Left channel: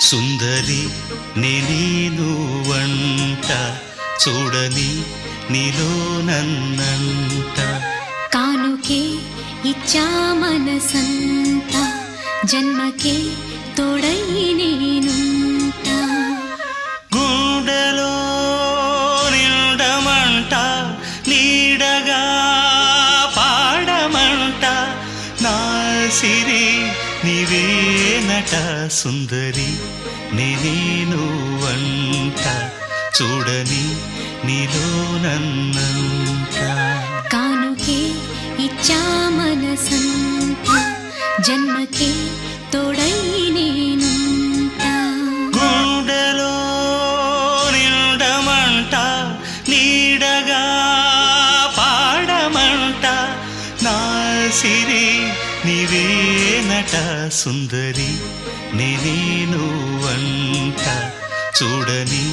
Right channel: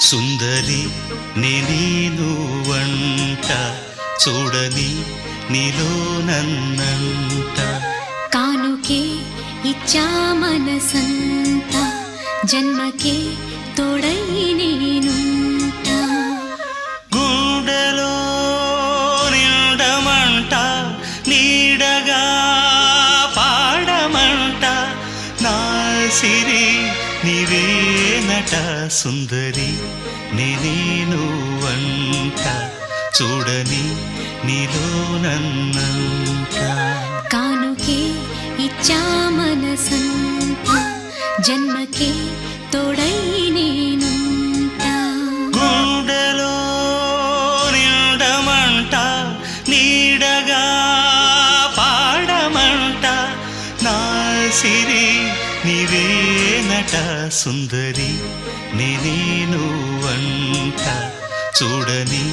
సుందరి నేను వంట చూడని నీలో నన్నంట కానుకే ఇచ్చా మనసంత జన్మకే తోడై నేనుంటా గుండెలో నిండమంట నీడగా పాడమంట నా సిరి నీవేనట సుందరి నేను వంట చూడని నీలో నన్నంత కానుకే ఇచ్చా మనసంత జన్మకే తోడై నేనుంటా గుండెలో నిండమంట నీడగా పాడమంట నా సిరి నీవేనట సుందరి నేను వంట చూడని